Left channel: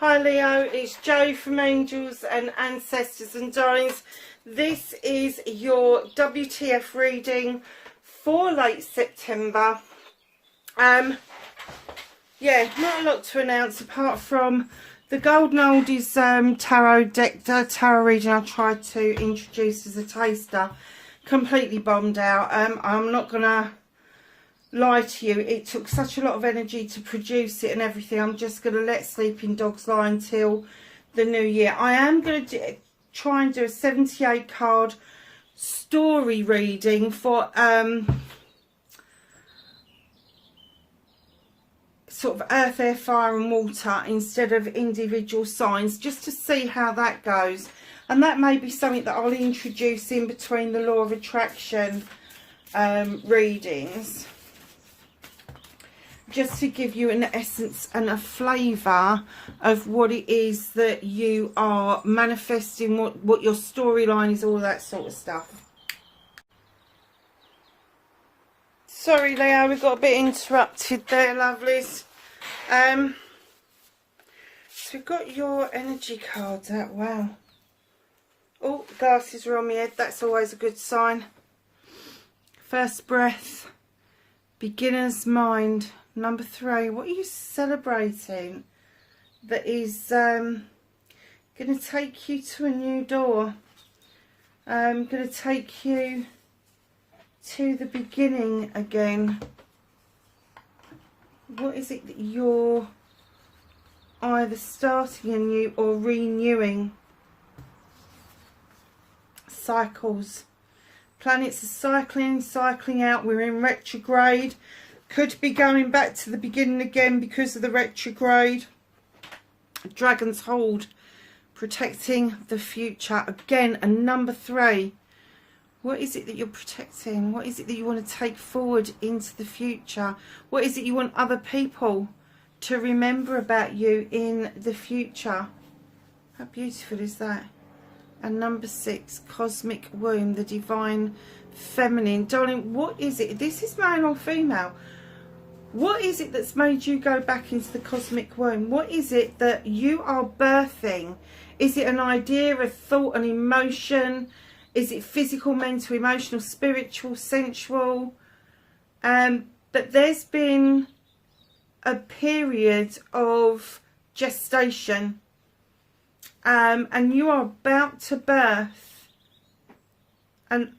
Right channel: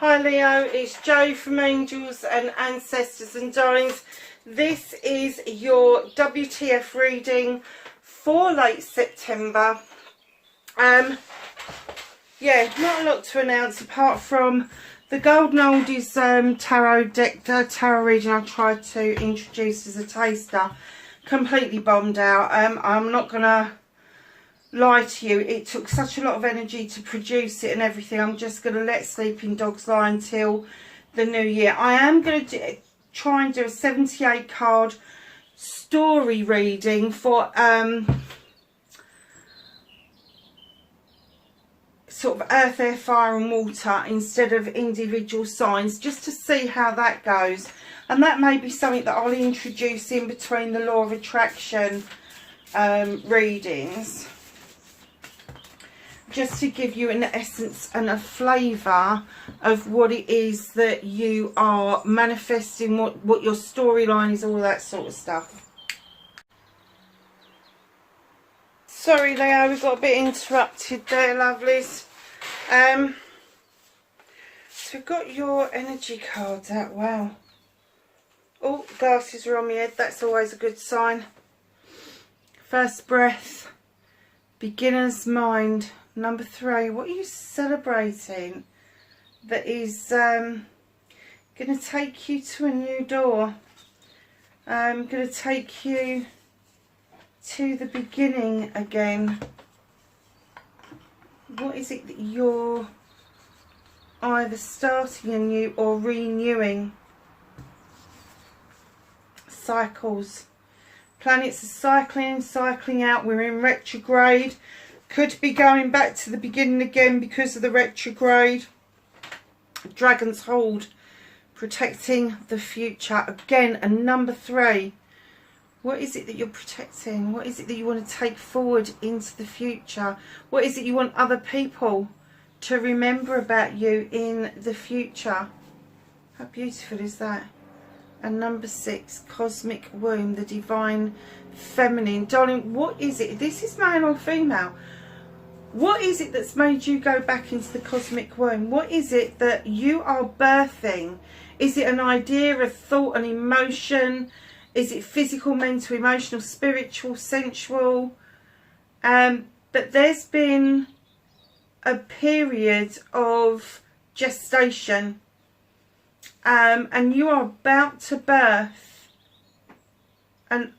Hi Leo, it's Jo from Angels and Ancestors and Darlings. This is your WTF reading for late September. Yeah, not a lot to announce apart from the Golden Oldies tarot deck, tarot reading I tried to introduce as a taster. Completely bombed out. I'm not gonna lie to you, it took such a lot of energy to produce it and everything. I'm just going to let sleeping dogs lie until the new year. I am going to try and do a 78 card story reading for sort of earth, air, fire and water instead of individual signs, just to see how that goes. And that may be something that I'll introduce in between the law of attraction readings, just to give you an essence and a flavour of what it is that you are manifesting, what your storyline is, all that sort of stuff. Sorry Leo, we got a bit interrupted there, lovelies. So we've got your energy cards out. Wow. Oh, glasses are on my head, that's always a good sign. First breath, beginner's mind. Number 3, what are you celebrating that is going to take you to a new door? Going to take you to the beginning again. What is it that you're either starting anew or renewing? Cycles. Planets are cycling out. We're in retrograde. Could be going back to the beginning again because of the retrograde. Dragon's hold, protecting the future. Again, and number 3. What is it that you're protecting? What is it that you want to take forward into the future? What is it you want other people to remember about you in the future? How beautiful is that? And number 6, cosmic womb, the divine feminine. Darling, what is it? This is male or female. What is it that's made you go back into the cosmic womb? What is it that you are birthing? Is it an idea, a thought, an emotion? Is it physical, mental, emotional, spiritual, sensual? But there's been a period of gestation, and you are about to birth and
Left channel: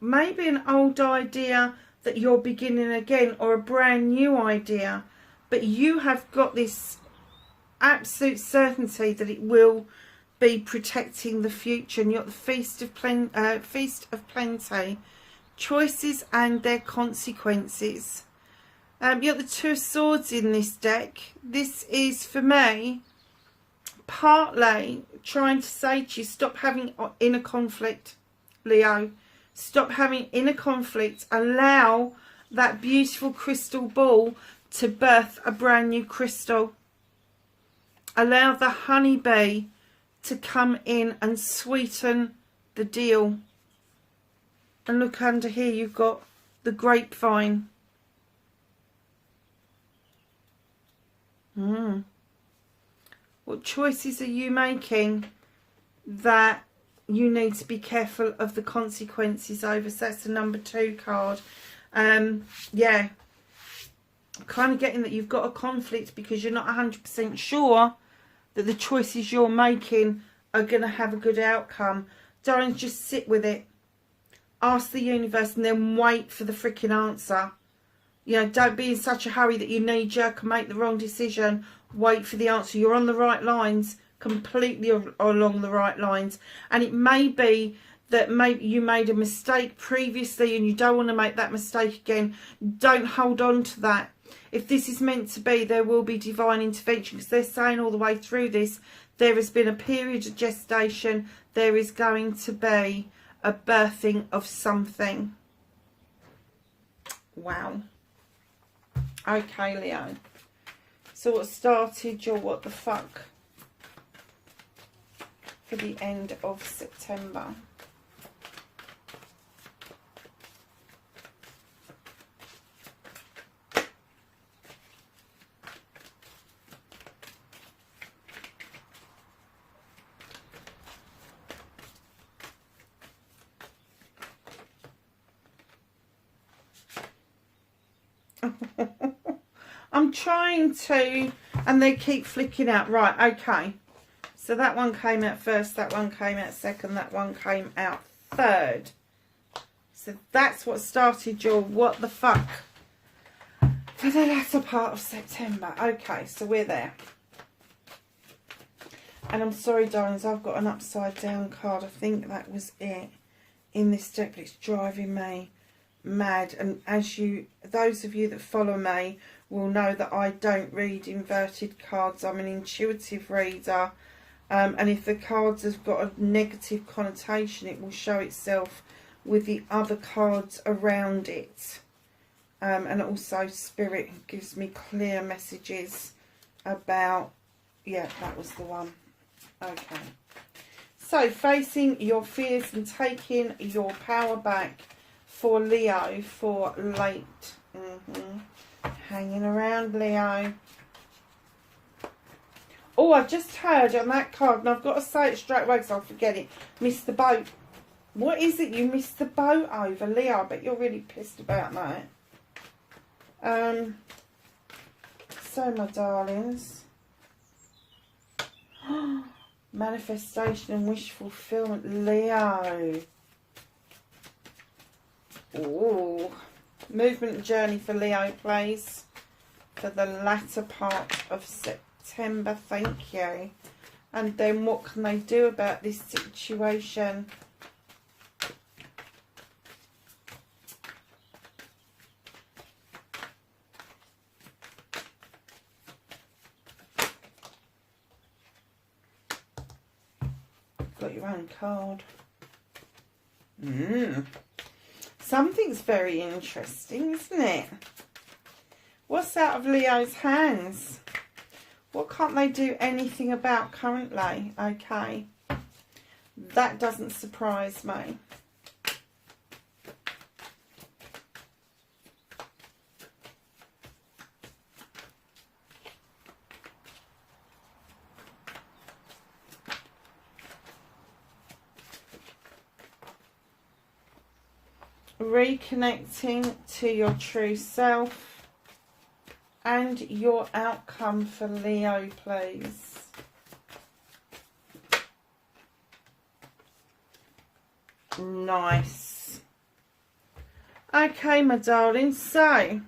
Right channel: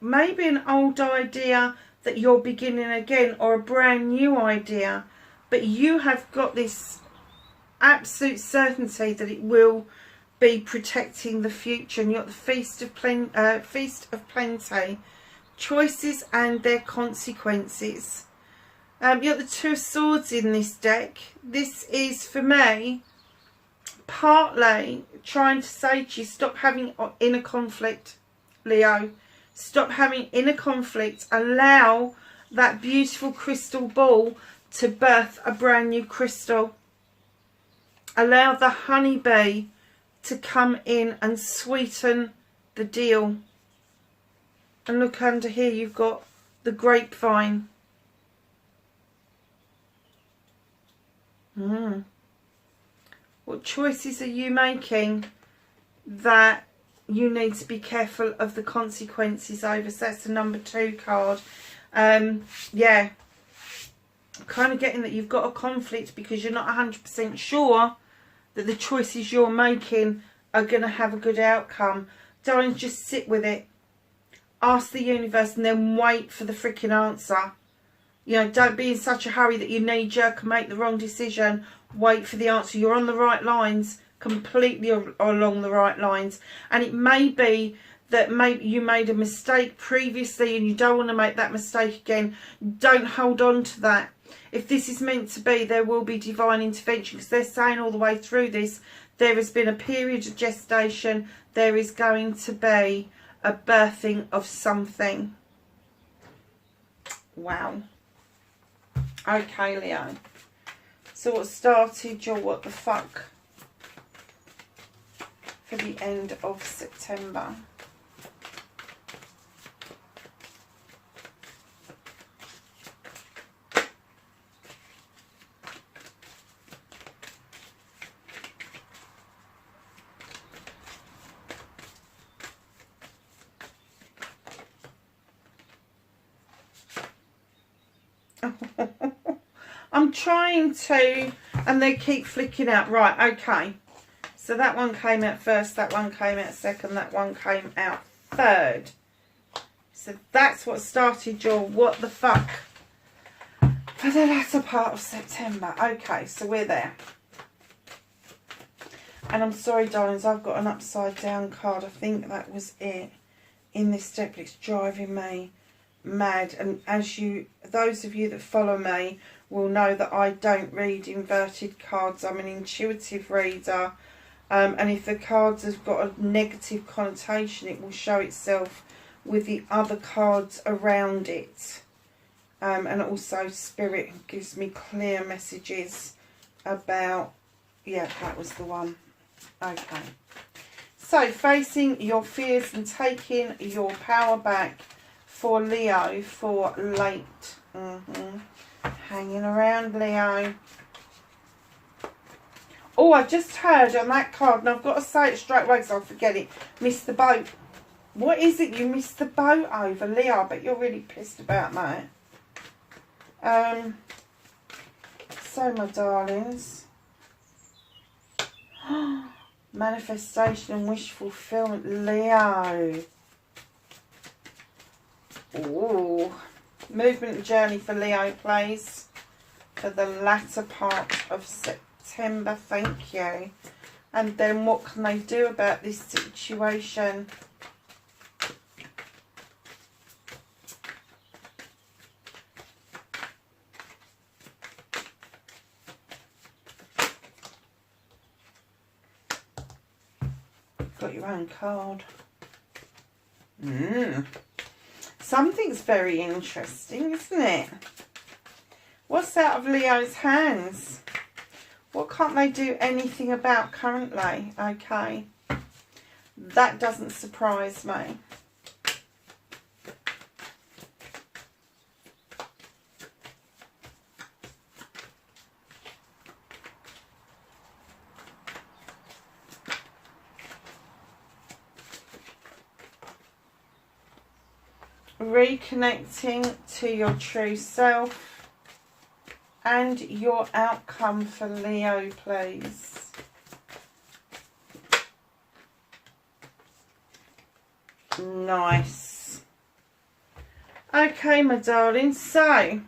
maybe an old idea that you're beginning again, or a brand new idea, but you have got this absolute certainty that it will be protecting the future. And you've got the feast of plenty, choices and their consequences. You've got the 2 of swords in this deck. This is, for me, partly trying to say to you, stop having inner conflict, Leo. Stop having inner conflict. Allow that beautiful crystal ball to birth a brand new crystal. Allow the honeybee to come in and sweeten the deal. And look under here, you've got the grapevine. What choices are you making that you need to be careful of the consequences over? So that's the number 2 card. Yeah, I'm kind of getting that you've got a conflict because you're not 100% sure that the choices you're making are going to have a good outcome. Darling, just sit with it. Ask the universe and then wait for the freaking answer. You know, don't be in such a hurry that you knee-jerk and make the wrong decision. Wait for the answer. You're on the right lines. Completely along the right lines. And it may be that maybe you made a mistake previously and you don't want to make that mistake again. Don't hold on to that. If this is meant to be, there will be divine intervention, because they're saying all the way through this, there has been a period of gestation. There is going to be a birthing of something. Wow. Okay, Leo. So what started your what the fuck for the end of September? I'm trying to, and they keep flicking out. Right, okay. So that one came out first, that one came out second, that one came out third. So that's what started your what the fuck for the latter part of September. Okay, so we're there. And I'm sorry, darlings, I've got an upside down card. I think that was it in this deck, but it's driving me mad. And as you, those of you that follow me will know that I don't read inverted cards. I'm an intuitive reader. And if the cards have got a negative connotation, it will show itself with the other cards around it. And also Spirit gives me clear messages about, yeah, that was the one. Okay. So, facing your fears and taking your power back for Leo for late. Hanging around, Leo. Oh, I just heard on that card, and I've got to say it straight away because I'll forget it. Missed the boat. What is it you missed the boat over, Leo? I bet you're really pissed about that. So, my darlings. Manifestation and wish fulfillment, Leo. Ooh. Movement and journey for Leo, please. For the latter part of September, thank you. And then what can they do about this situation? Got your own card. Something's very interesting, isn't it? What's out of Leo's hands? What can't they do anything about currently? Okay. That doesn't surprise me. Reconnecting to your true self and your outcome for Leo, please. Nice. Okay, my darling, so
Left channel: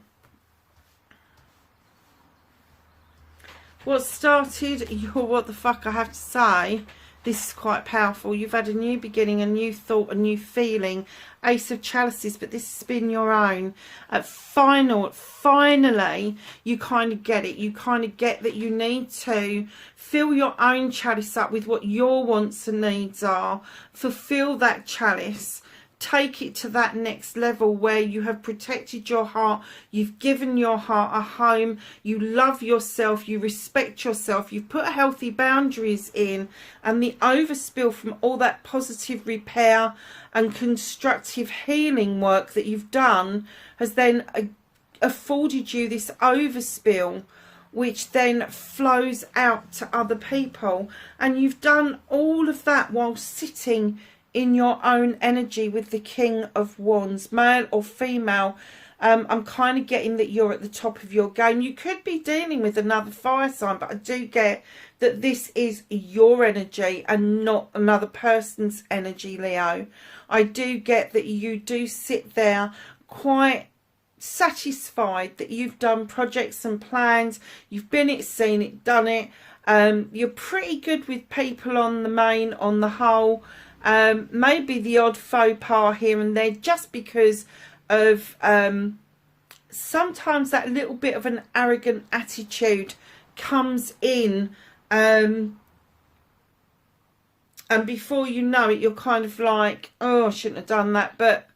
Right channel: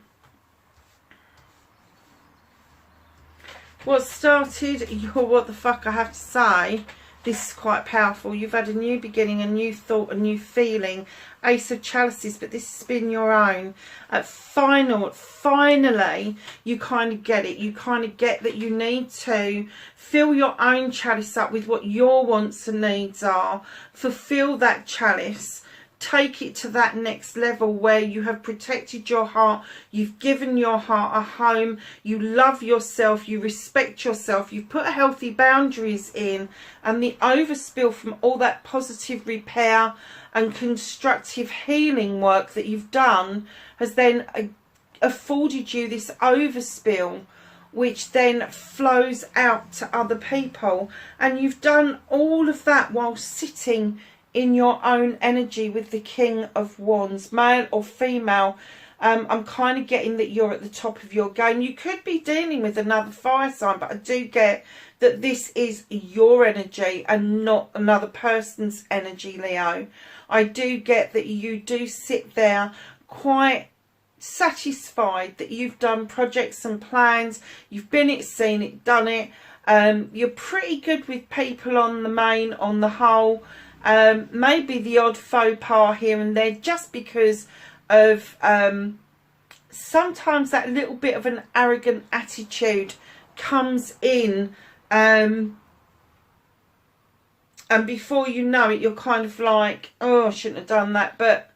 what started your what the fuck I have to say, this is quite powerful. You've had a new beginning, a new thought, a new feeling. Ace of Chalices, but this has been your own. Finally, you kind of get it. You kind of get that you need to fill your own chalice up with what your wants and needs are. Fulfill that chalice. Take it to that next level where you have protected your heart, you've given your heart a home, you love yourself, you respect yourself, you've put healthy boundaries in, and the overspill from all that positive repair and constructive healing work that you've done has then afforded you this overspill, which then flows out to other people. And you've done all of that while sitting in your own energy with the King of Wands, male or female. I'm kind of getting that you're at the top of your game. You could be dealing with another fire sign, but I do get that this is your energy and not another person's energy, Leo. I do get that you do sit there quite satisfied that you've done projects and plans. You've been it, seen it, done it. You're pretty good with people on the whole. Maybe the odd faux pas here and there, just because of sometimes that little bit of an arrogant attitude comes in, and before you know it, you're kind of like, oh, I shouldn't have done that. But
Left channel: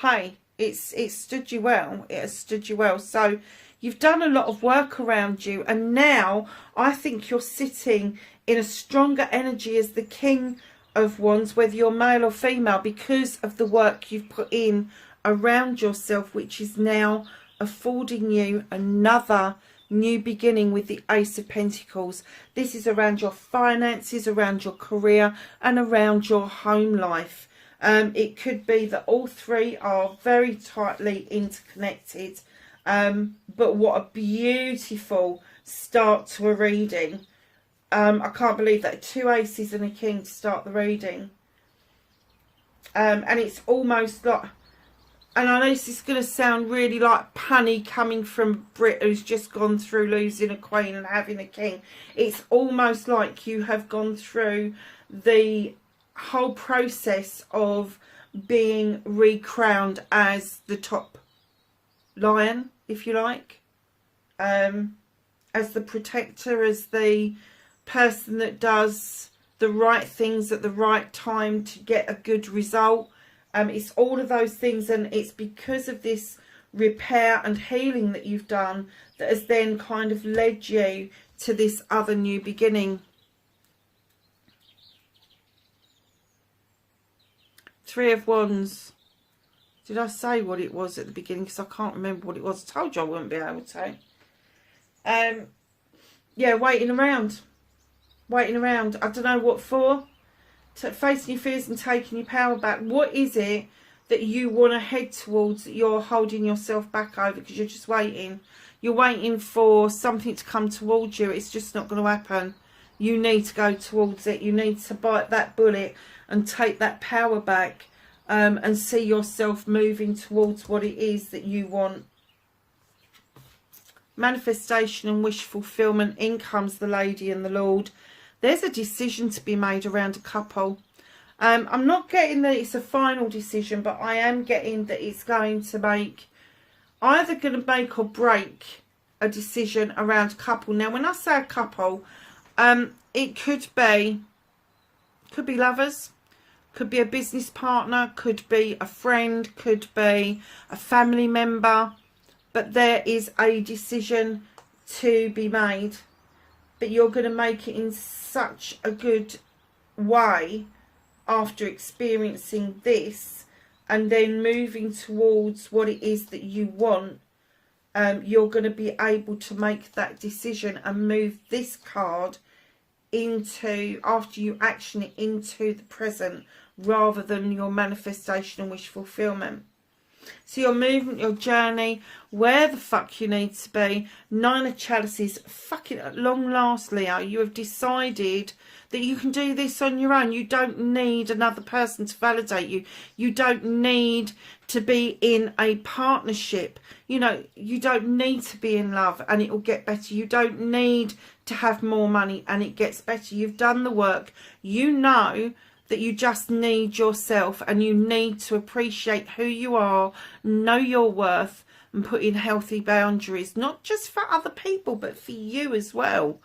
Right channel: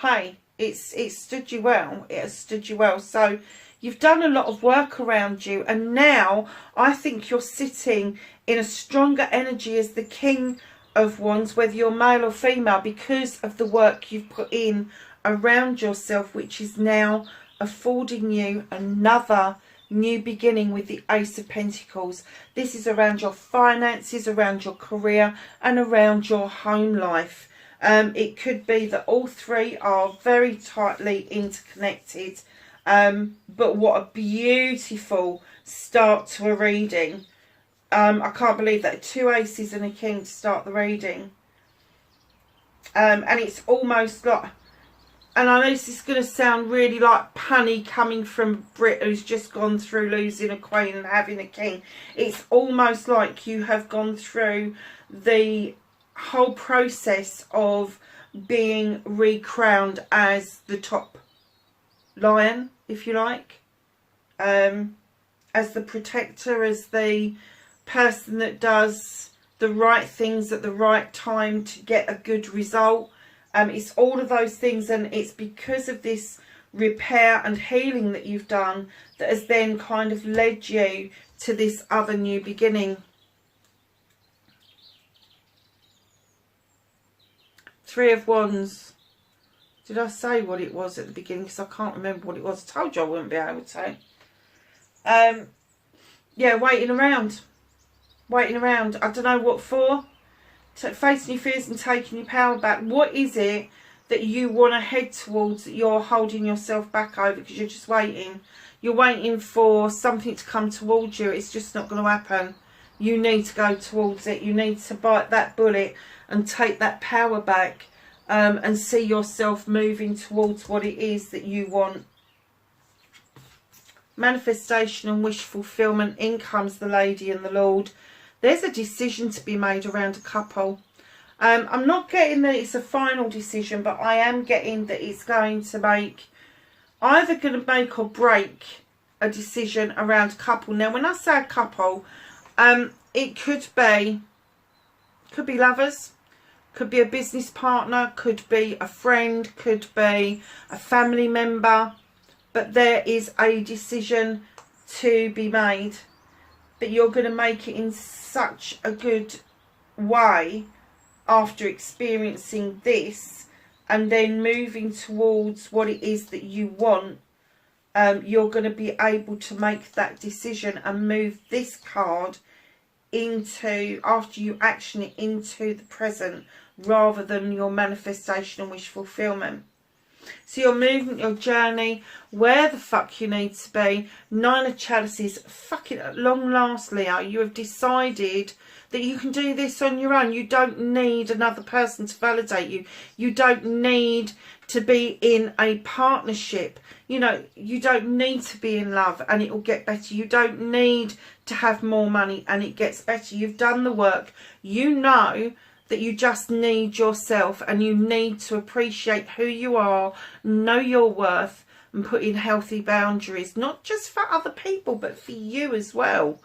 hey, it stood you well. It has stood you well. So you've done a lot of work around you, and now I think you're sitting in a stronger energy as the King of Wands, whether you're male or female, because of the work you've put in around yourself, which is now affording you another new beginning with the Ace of Pentacles. This is around your finances, around your career, and around your home life. It could be that all three are very tightly interconnected, But what a beautiful start to a reading. I can't believe that 2 aces and a king to start the reading. And it's almost like, and I know this is going to sound really like punny coming from Brit who's just gone through losing a queen and having a king. It's almost like you have gone through the whole process of being recrowned as the top lion, if you like, as the protector, as the person that does the right things at the right time to get a good result. It's all of those things, and it's because of this repair and healing that you've done that has then kind of led you to this other new beginning. 3 of Wands. Did I say what it was at the beginning? Because I can't remember what it was. I told you I wouldn't be able to. Yeah, waiting around. Waiting around. I don't know what for. Facing your fears and taking your power back. What is it that you want to head towards that you're holding yourself back over because you're just waiting? You're waiting for something to come towards you. It's just not going to happen. You need to go towards it. You need to bite that bullet and take that power back, and see yourself moving towards what it is that you want. Manifestation and wish fulfillment. In comes the Lady and the Lord. There's a decision to be made around a couple. I'm not getting that it's a final decision, but I am getting that it's going to make, either going to make or break a decision around a couple. Now, when I say a couple, it could be lovers, could be a business partner, could be a friend, could be a family member, but there is a decision to be made. But you're going to make it in such a good way after experiencing this and then moving towards what it is that you want. You're going to be able to make that decision and move this card into, after you action it, into the present rather than your manifestation and wish fulfillment. So your movement, your journey, where the fuck you need to be. 9 of Chalices. Fucking at long last, Leo, you have decided that you can do this on your own. You don't need another person to validate you. You don't need to be in a partnership. You know, you don't need to be in love and it will get better. You don't need to have more money and it gets better. You've done the work. You know that you just need yourself, and you need to appreciate who you are, know your worth, and put in healthy boundaries, not just for other people, but for you as well.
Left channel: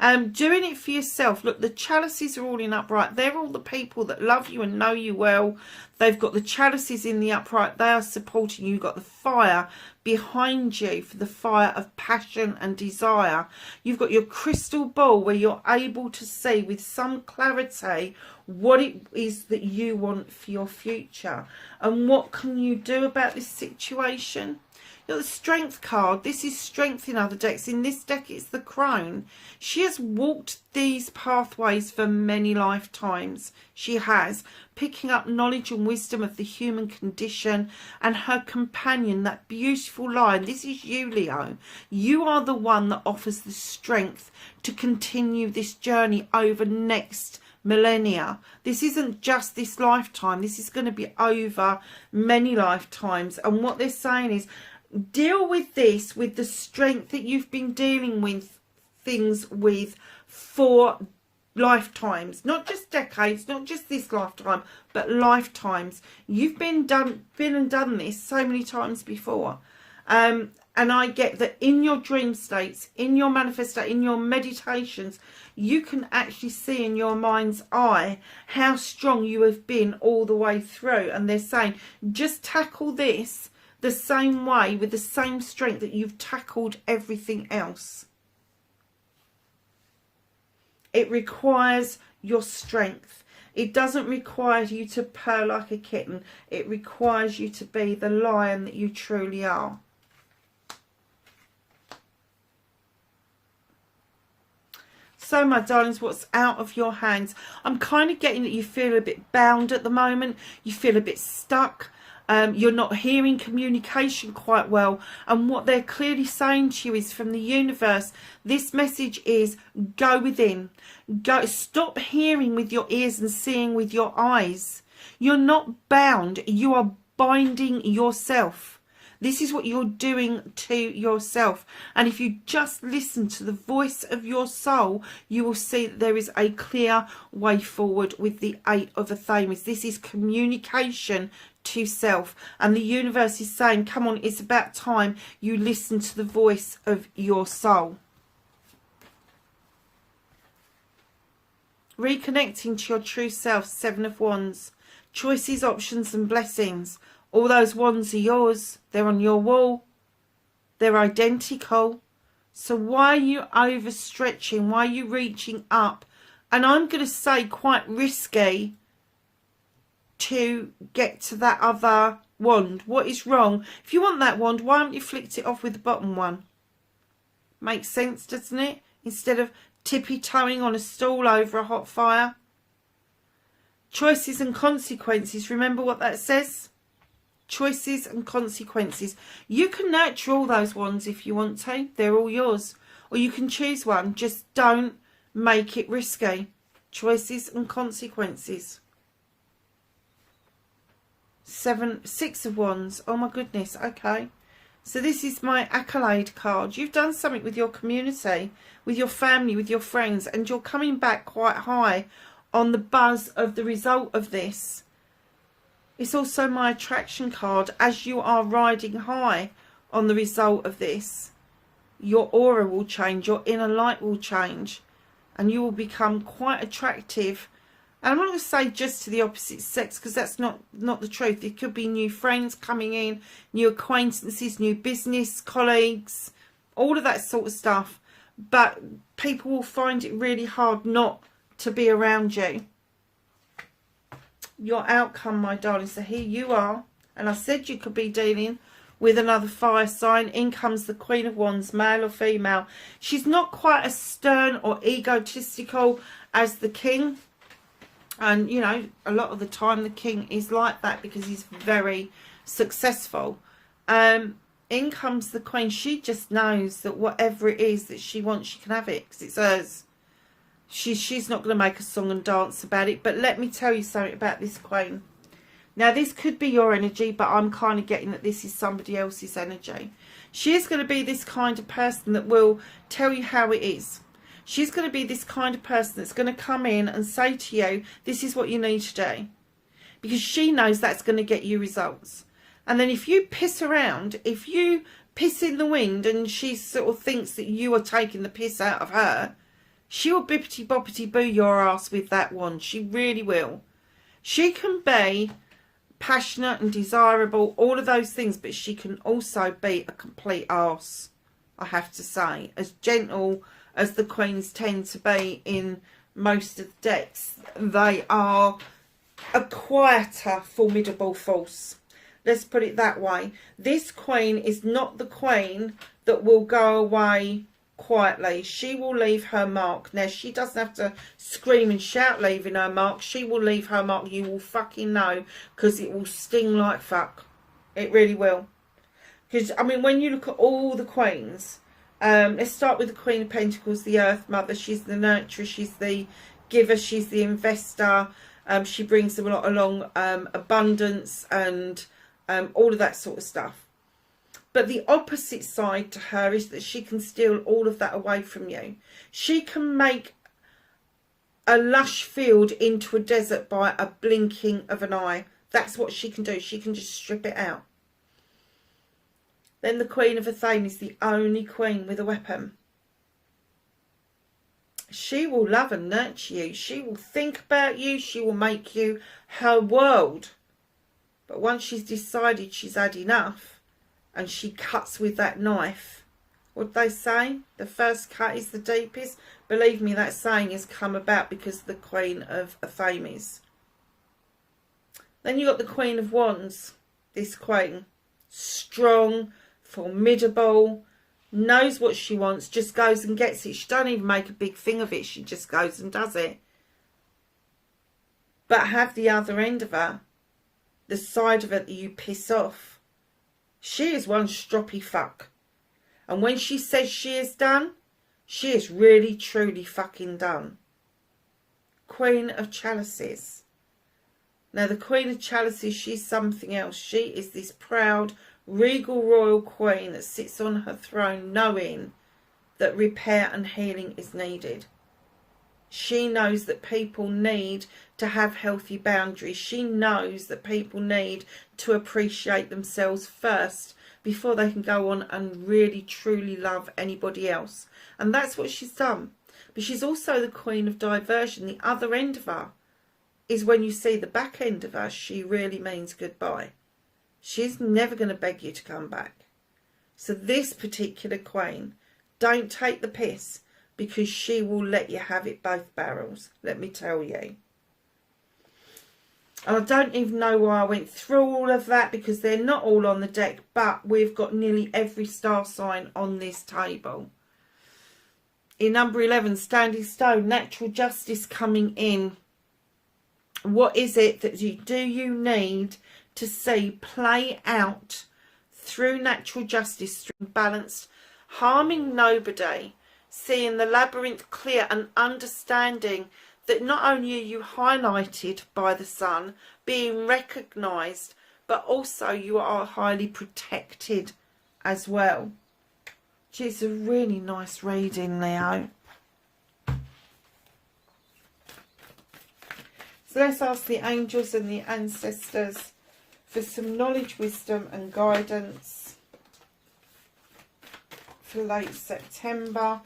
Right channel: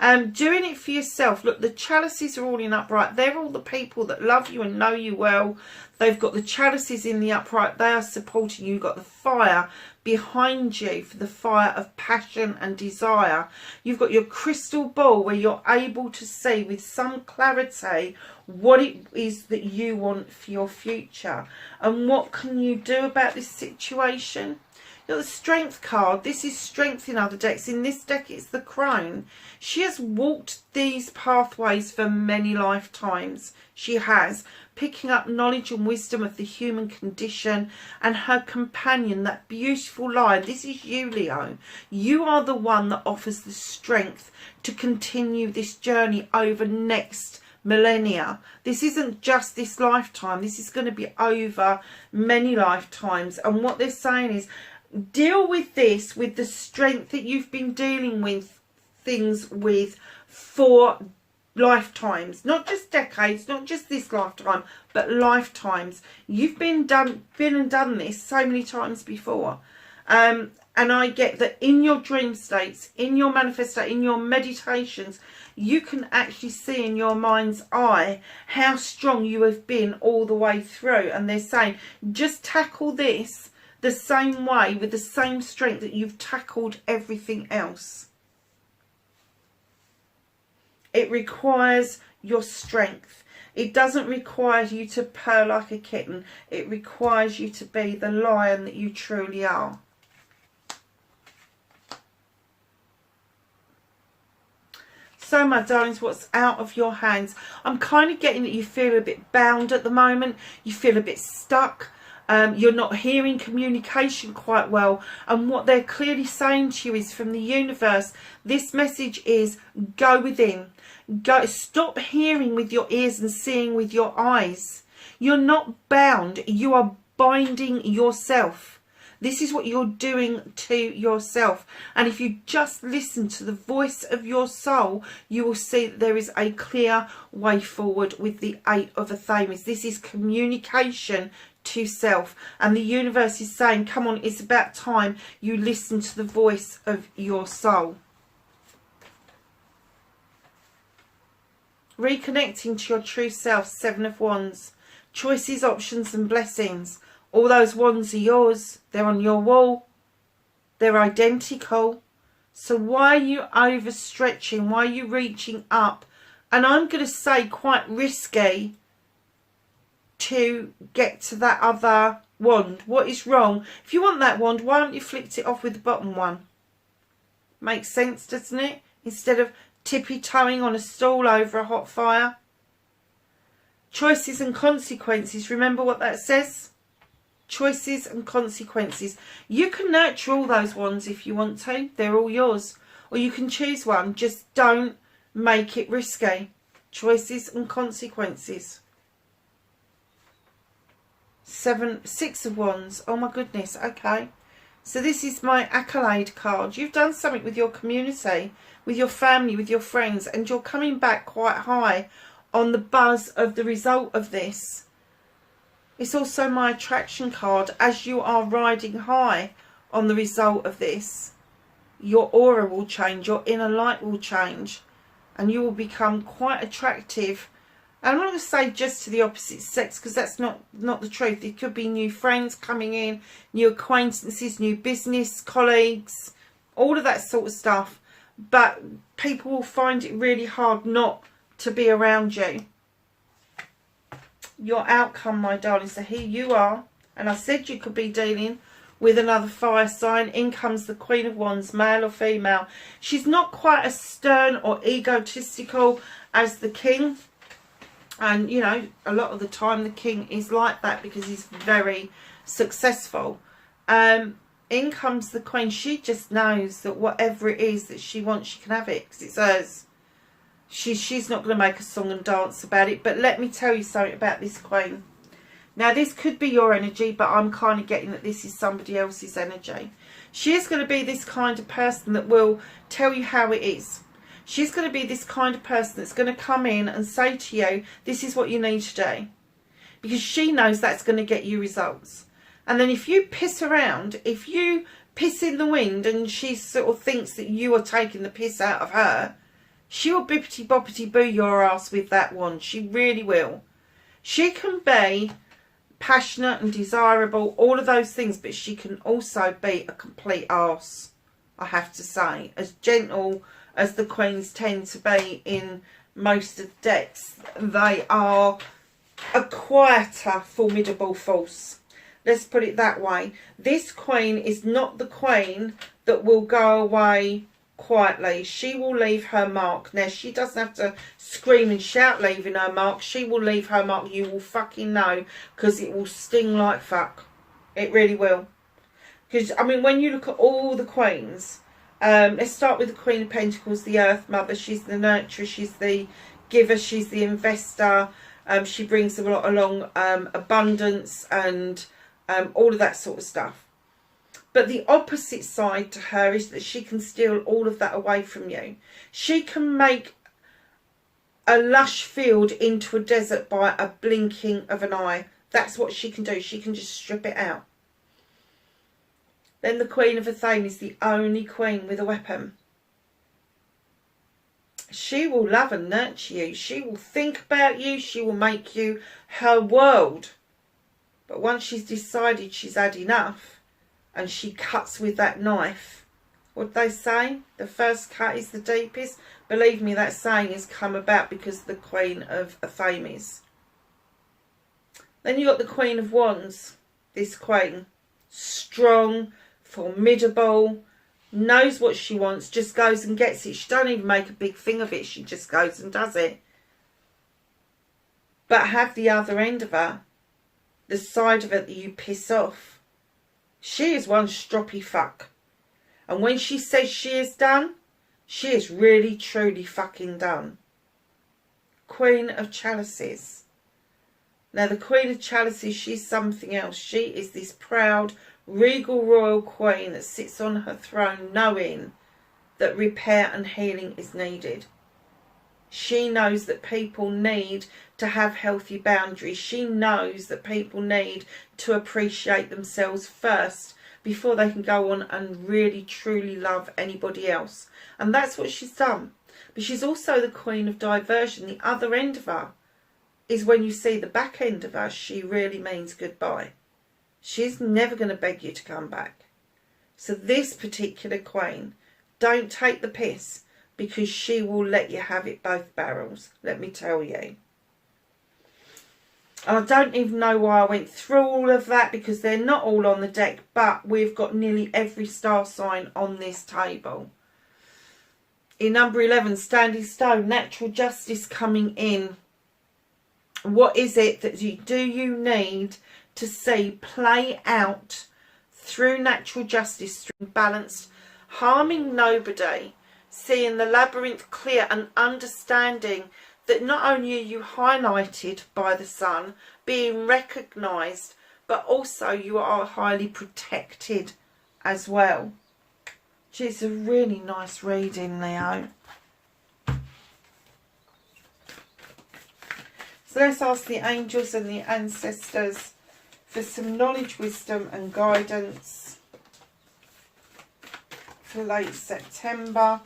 Doing it for yourself. Look, the Chalices are all in upright. They're all the people that love you and know you well. They've got the Chalices in the upright. They are supporting you. You've got the fire behind you for the fire of passion and desire. You've got your crystal ball where you're able to see with some clarity what it is that you want for your future and what can you do about this situation. You've got the Strength card. This is strength in other decks. In this deck it's the Crone. She has walked these pathways for many lifetimes. She has, picking up knowledge and wisdom of the human condition, and her companion, that beautiful lion. This is you, Leo. You are the one that offers the strength to continue this journey over next millennia. This isn't just this lifetime. This is going to be over many lifetimes. And what they're saying is, deal with this with the strength that you've been dealing with things with for lifetimes, not just decades, not just this lifetime, but lifetimes. You've been and done this so many times before. And I get that in your dream states, in your manifestation, in your meditations, you can actually see in your mind's eye how strong you have been all the way through. And they're saying, just tackle this the same way, with the same strength that you've tackled everything else. It requires your strength. It doesn't require you to purr like a kitten. It requires you to be the lion that you truly are. So, my darlings, what's out of your hands? I'm kind of getting that you feel a bit bound at the moment. You feel a bit stuck. You're not hearing communication quite well. And what they're clearly saying to you is, from the universe, this message is go within. Go, stop hearing with your ears and seeing with your eyes. You're not bound. You are binding yourself. This is what you're doing to yourself. And if you just listen to the voice of your soul, you will see that there is a clear way forward with the 8 of the Thames. This is communication to self. And the universe is saying, come on, it's about time you listen to the voice of your soul. Reconnecting to your true self, 7 of Wands. Choices, options and blessings. All those wands are yours. They're on your wall. They're identical. So why are you overstretching? Why are you reaching up? And I'm going to say quite risky to get to that other wand. What is wrong? If you want that wand, why don't you flick it off with the bottom one? Makes sense, doesn't it? Instead of tippy-toeing on a stool over a hot fire. Choices and consequences. Remember what that says? Choices and consequences. You can nurture all those ones if you want to. They're all yours. Or you can choose one. Just don't make it risky. Choices and consequences. 6 of Wands. Oh my goodness. Okay. So this is my accolade card. You've done something with your community, with your family, with your friends, and you're coming back quite high on the buzz of the result of this. It's also my attraction card. As you are riding high on the result of this, your aura will change, your inner light will change, and you will become quite attractive. And I'm not going to say just to the opposite sex, because that's not the truth. It could be new friends coming in, new acquaintances, new business colleagues, all of that sort of stuff. But people will find it really hard not to be around you. Your outcome, my darling. So here you are. And I said you could be dealing with another fire sign. In comes the Queen of Wands, male or female. She's not quite as stern or egotistical as the King. And, you know, a lot of the time the King is like that because he's very successful. In comes the Queen. She just knows that whatever it is that she wants, she can have it because it's hers. She's not going to make a song and dance about it. But let me tell you something about this Queen. Now, this could be your energy, but I'm kind of getting that this is somebody else's energy. She is going to be this kind of person that will tell you how it is. She's going to be this kind of person that's going to come in and say to you, this is what you need to do. Because she knows that's going to get you results. And then if you piss around, if you piss in the wind and she sort of thinks that you are taking the piss out of her, she will bippity-boppity-boo your ass with that wand. She really will. She can be passionate and desirable, all of those things, but she can also be a complete arse, I have to say. As gentle as the Queens tend to be in most of the decks, they are a quieter, formidable force. Let's put it that way. This Queen is not the Queen that will go away quietly. She will leave her mark. Now, she doesn't have to scream and shout leaving her mark. She will leave her mark. You will fucking know, because it will sting like fuck. It really will. Because, I mean, when you look at all the Queens, let's start with the Queen of Pentacles, the Earth Mother. She's the nurturer, she's the giver, she's the investor. She brings a lot along, abundance and all of that sort of stuff. But the opposite side to her is that she can steal all of that away from you. She can make a lush field into a desert by a blinking of an eye. That's what she can do. She can just strip it out. Then the Queen of Athene is the only queen with a weapon. She will love and nurture you. She will think about you. She will make you her world. But once she's decided she's had enough, and she cuts with that knife. What they say? The first cut is the deepest. Believe me, that saying has come about because of the Queen of Athenes. Then you got the Queen of Wands. This Queen. Strong, formidable, knows what she wants, just goes and gets it. She don't even make a big thing of it. She just goes and does it. But have the other end of her. the side of it that you piss off. She is one stroppy fuck. And when she says she is done, she is really, truly fucking done. Queen of Chalices. Now, the Queen of Chalices, she's something else. She is this proud, regal royal queen that sits on her throne knowing that repair and healing is needed. She knows that people need to have healthy boundaries. She knows that people need to appreciate themselves first before they can go on and really truly love anybody else. And that's what she's done. But she's also the queen of diversion. The other end of her is when you see the back end of her, she really means goodbye. She's never going to beg you to come back. So this particular queen, don't take the piss, because she will let you have it both barrels, let me tell you. And I don't even know why I went through all of that, because they're not all on the deck, but we've got nearly every star sign on this table. In number 11, Standing Stone, natural justice coming in. What is it that you need to see play out through natural justice, through balanced, harming nobody, seeing the labyrinth clear and understanding that not only are you highlighted by the sun, being recognised, but also you are highly protected as well. It's a really nice reading, Leo. So let's ask the angels and the ancestors for some knowledge, wisdom and guidance for late September.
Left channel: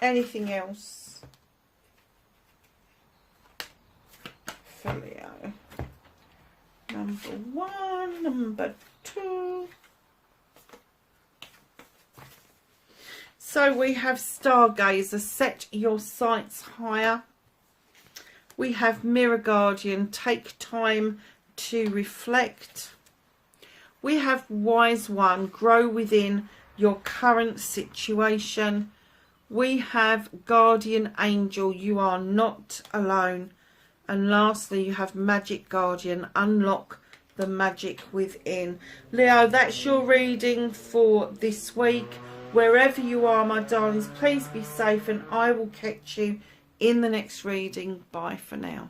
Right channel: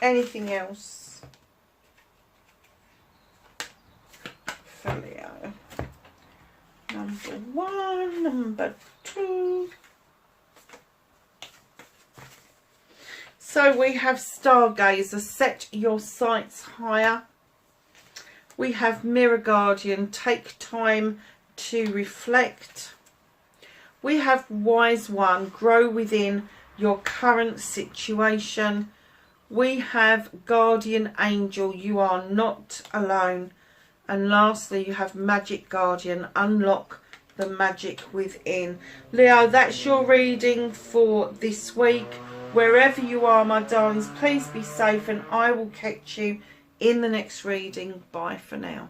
Anything else for Leo? Number 1, number 2. So we have Stargazer, set your sights higher. We have Mirror Guardian, take time to reflect. We have Wise One, grow within your current situation. We have Guardian Angel, you are not alone. And lastly, you have Magic Guardian, unlock the magic within. Leo, that's your reading for this week. Wherever you are, my darlings, please be safe, and I will catch you in the next reading. Bye for now.